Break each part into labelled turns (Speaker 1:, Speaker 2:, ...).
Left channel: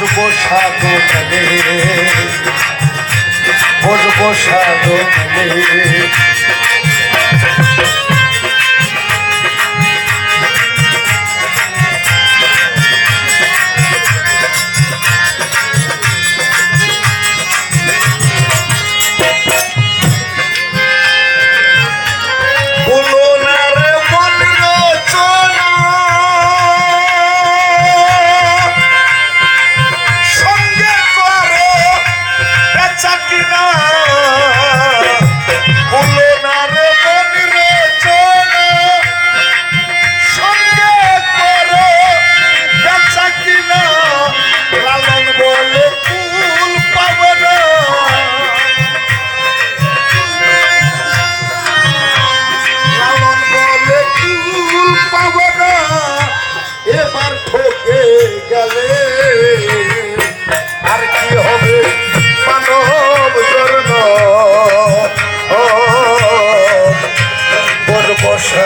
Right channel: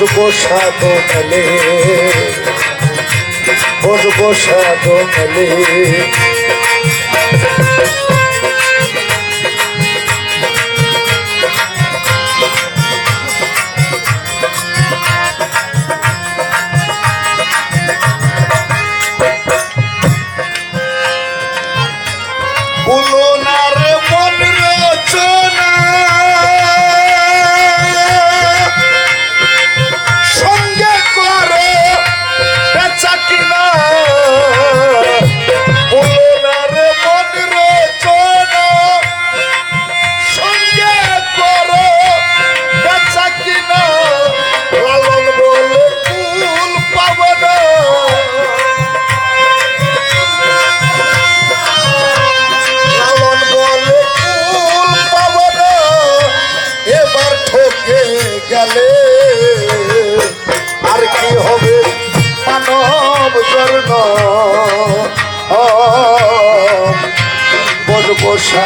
Speaker 1: বসবো সাধনে বসবো সাধনে Pulo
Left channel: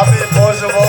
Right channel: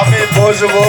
Speaker 1: আমি বসবো